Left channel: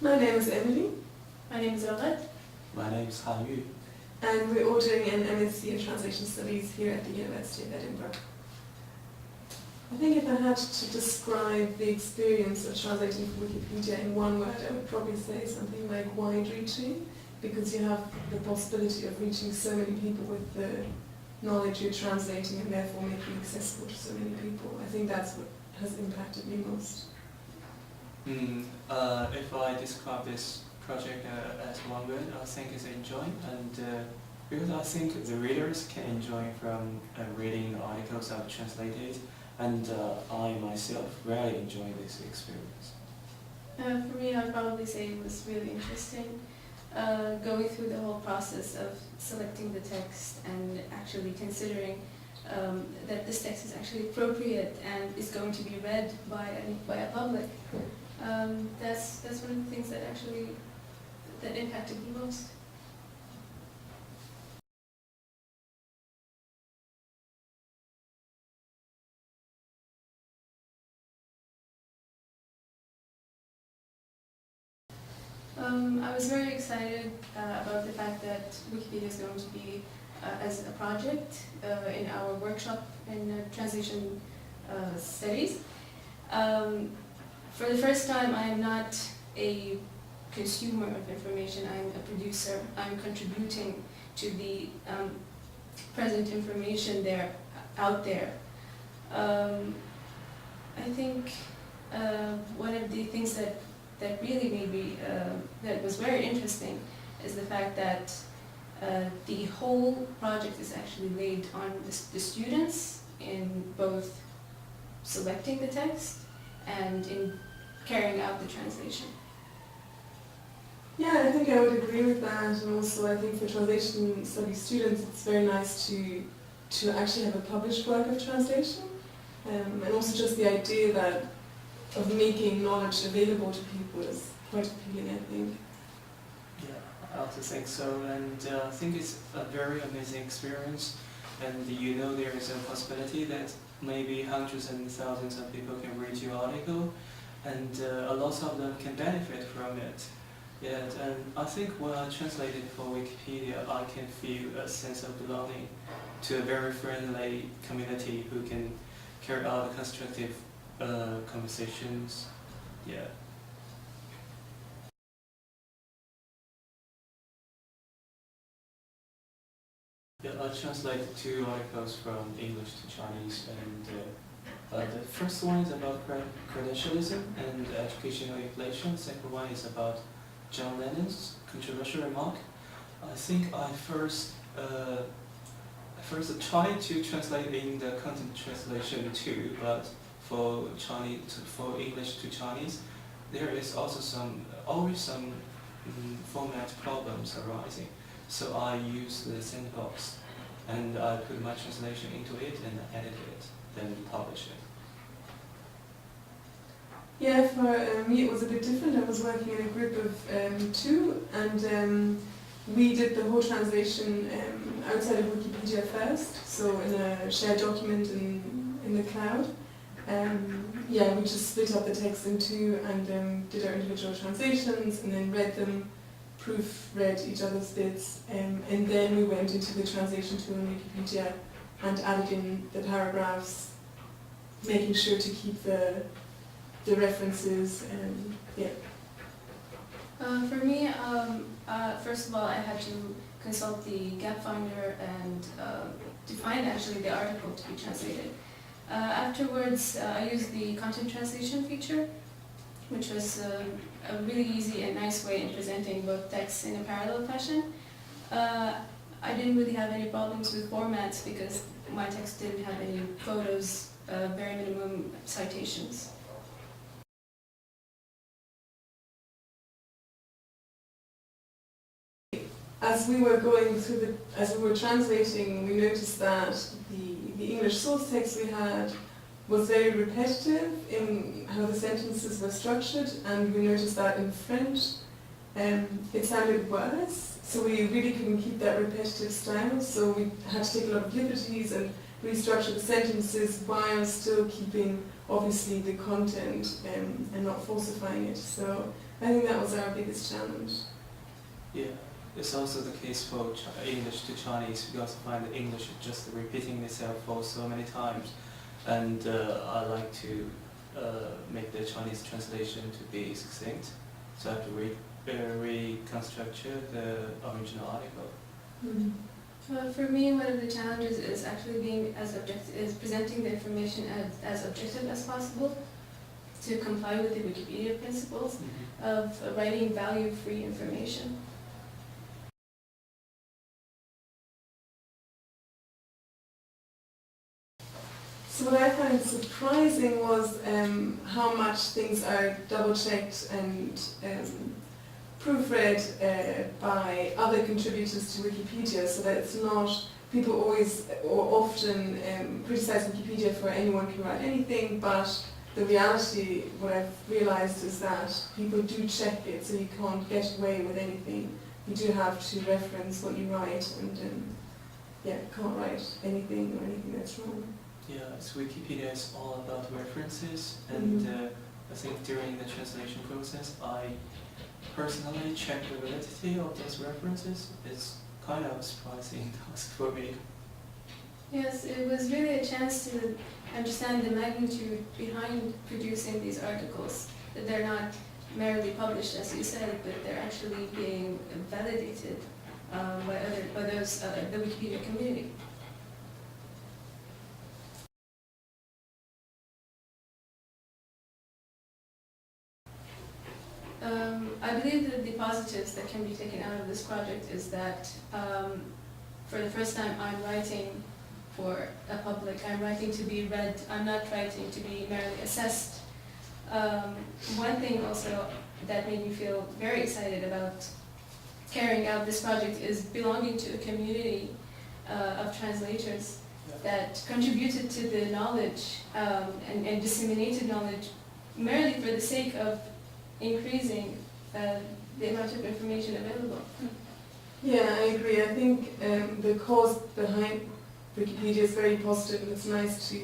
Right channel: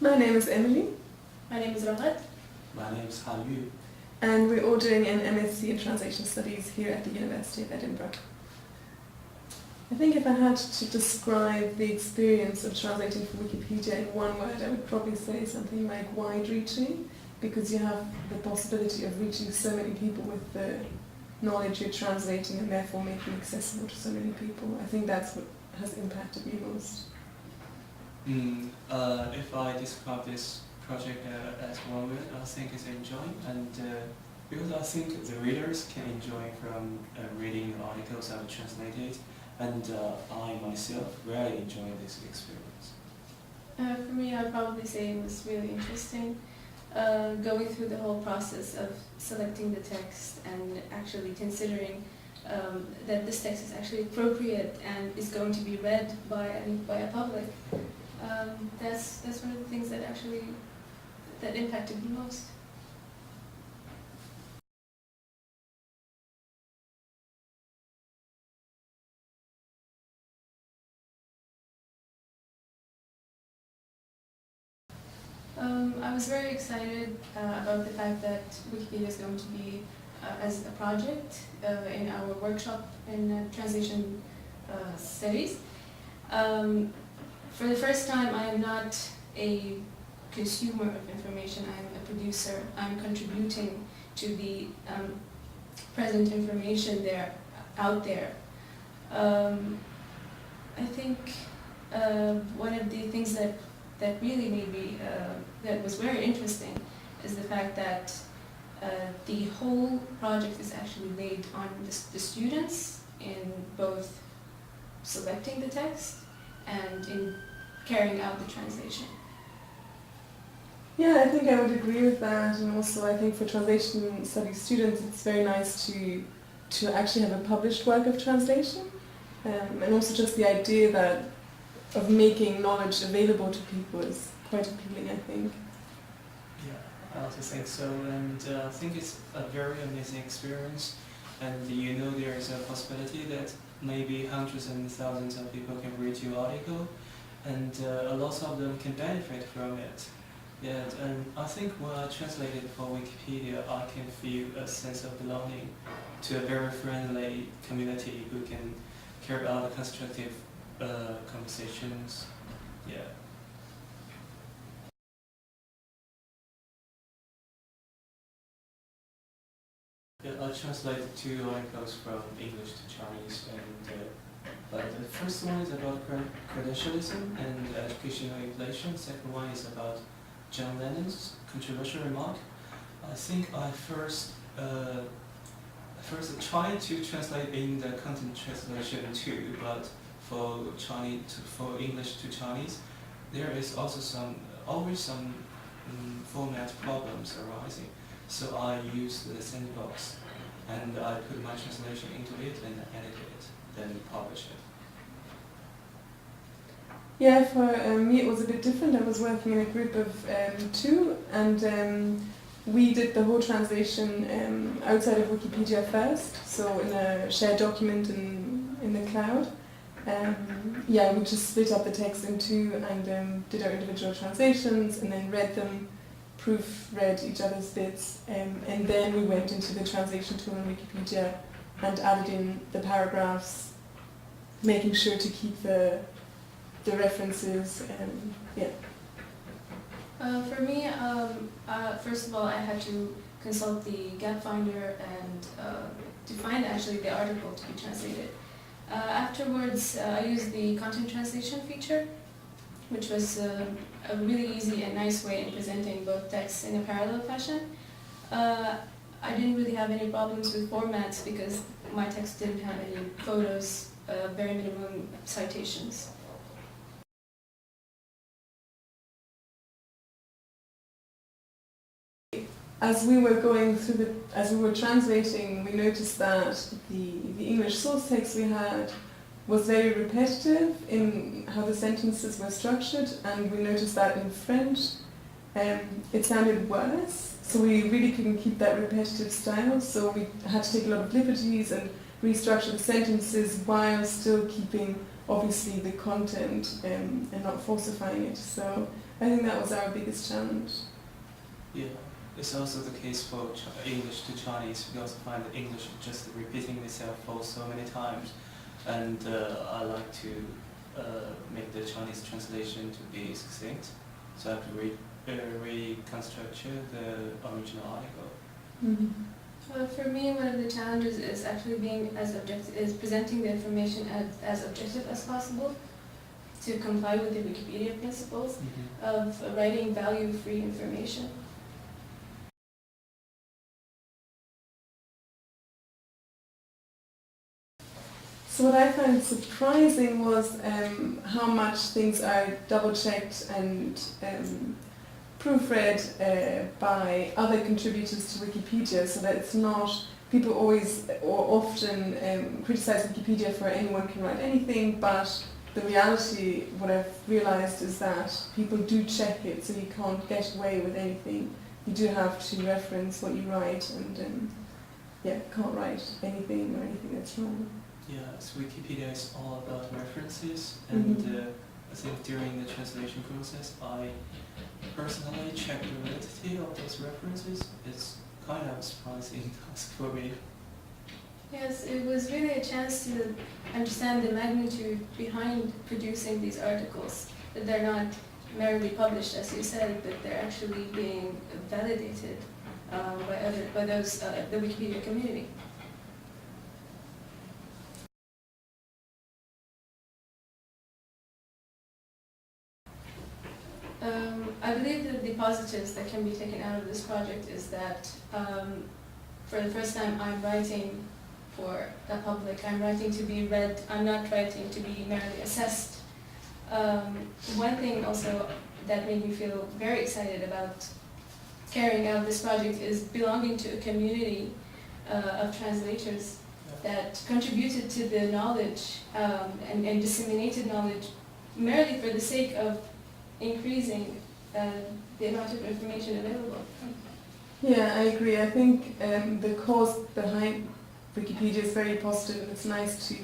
My name is Emilie. My name is Raghad. My name is Raghad. And we're all doing an MSc in Translation Studies here at the University of Edinburgh. I think if I had to describe the experience of translating for Wikipedia in one word, I would probably say something like wide-reaching, because you have the possibility of reaching so many people with the knowledge you're translating and therefore making it accessible to so many people. I think that's what has impacted me most. If I describe this project as one word, I think it's enjoying, and because I think the readers can enjoy from reading the articles I've translated, and I myself really enjoy this experience. For me, I'd probably say it was really interesting, going through the whole process of selecting the text and actually considering that this text is actually appropriate and is going to be read by a public. That's one of the things that impacted me most. I was very excited about the fact that Wikipedia is going to be as a project in our workshop in Translation Studies. For the first time, I am not a consumer of information, I am a producer. I'm contributing to the present information out there. I think one of the things that really made me, that was very interesting, is the fact that the whole project is actually laid on the students in both selecting the text and in carrying out the translation. Yeah, I think I would agree with that, and also I think for translation studies students it's very nice to actually have a published work of translation, and also just the idea of making knowledge available to people is quite appealing, I think. Yeah, I also think so, and I think it's a very amazing experience, and there is a possibility that maybe hundreds and thousands of people can read your article, and a lot of them can benefit from it. Yeah, and I think when I translated for Wikipedia, I can feel a sense of belonging to a very friendly community who can carry out constructive conversations. Yeah. Yeah, I translated 2 articles from English to Chinese, and the first one is about credentialism and educational inflation. The second one is about John Lennon's controversial remark. I think I first tried to translate in the content translation too, but for English to Chinese, there is also always some format problems arising. So I used the sandbox, and I put my translation into it and edited it, then published it. Yeah, for me it was a bit different. I was working in a group of 2, and we did the whole translation outside of Wikipedia first, so in a shared document in the cloud. Yeah, we just split up the text in 2 and did our individual translations and then read them, proofread each other's bits, and then we went into the translation tool in Wikipedia and added in the paragraphs, making sure to keep the references, and yeah. For me, first of all, I had to consult the gap finder and to find actually the article to be translated. Afterwards, I used the content translation feature, which was a really easy and nice way in presenting both texts in a parallel fashion. I didn't really have any problems with formats because my text didn't have any photos, very minimum citations. As we were translating, we noticed that the English source text we had was very repetitive in how the sentences were structured, and we noticed that in French it sounded worse, so we really couldn't keep that repetitive style, so we had to take a lot of liberties and restructure the sentences while still keeping obviously the content and not falsifying it. So I think that was our biggest challenge. Yeah, it's also the case for English to Chinese. We also find that English is just repeating itself for so many times, and I like to make the Chinese translation to be succinct, so I have to reconstruct the original article. Mm-hmm. For me, one of the challenges is actually being presenting the information as objective as possible, to comply with the Wikipedia principles of writing value-free information. So what I found surprising was how much things are double-checked and proofread by other contributors to Wikipedia, so that it's not, people always or often criticize Wikipedia for anyone can write anything, but the reality, what I've realized, is that people do check it, so you can't get away with anything. You do have to reference what you write, and can't write anything or anything that's wrong. Yeah, so Wikipedia is all about references, and I think during the translation process, I personally checked the validity of those references. It's kind of a surprising task for me. Yes, it was really a chance to understand the magnitude behind producing these articles, that they're not merely published, as you said, but they're actually being validated by those the Wikipedia community. I believe that the positives that can be taken out of this project is that for the first time I'm writing for a public, I'm writing to be read, I'm not writing to be merely assessed. One thing also that made me feel very excited about carrying out this project is belonging to a community of translators that contributed to the knowledge and disseminated knowledge merely for the sake of increasing the amount of information available. Yeah, I agree. I think the cause behind Wikipedia is very positive, and it's nice to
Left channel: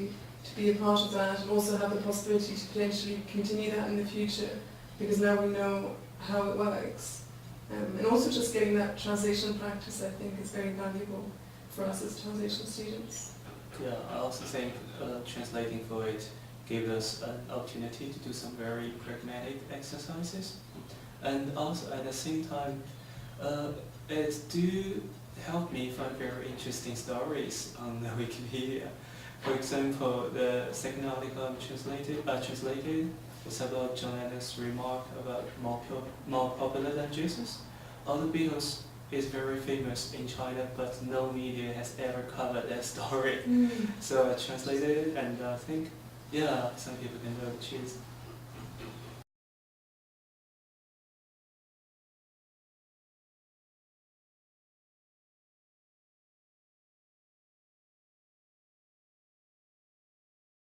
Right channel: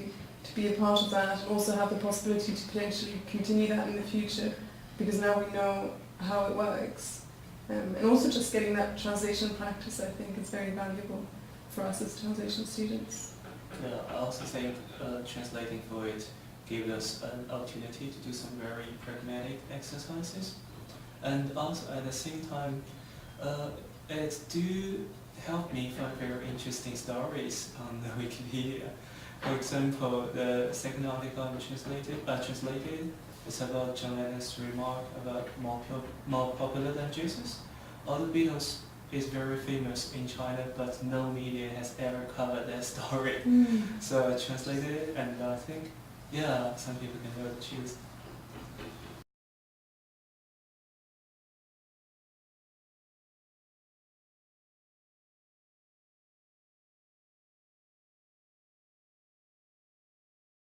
be a part of that, and also have the possibility to potentially continue that in the future, because now we know how it works. And also just getting that translation practice, I think, is very valuable for us as translation students. Yeah, I also think translating for it gave us an opportunity to do some very pragmatic exercises, and also at the same time it do help me find very interesting stories on the Wikipedia. For example, the second article I translated is about John Adams' remark about more popular than Jesus. All the Beatles is very famous in China, but no media has ever covered that story. So I translated it, and I think, yeah, some people can know the truth.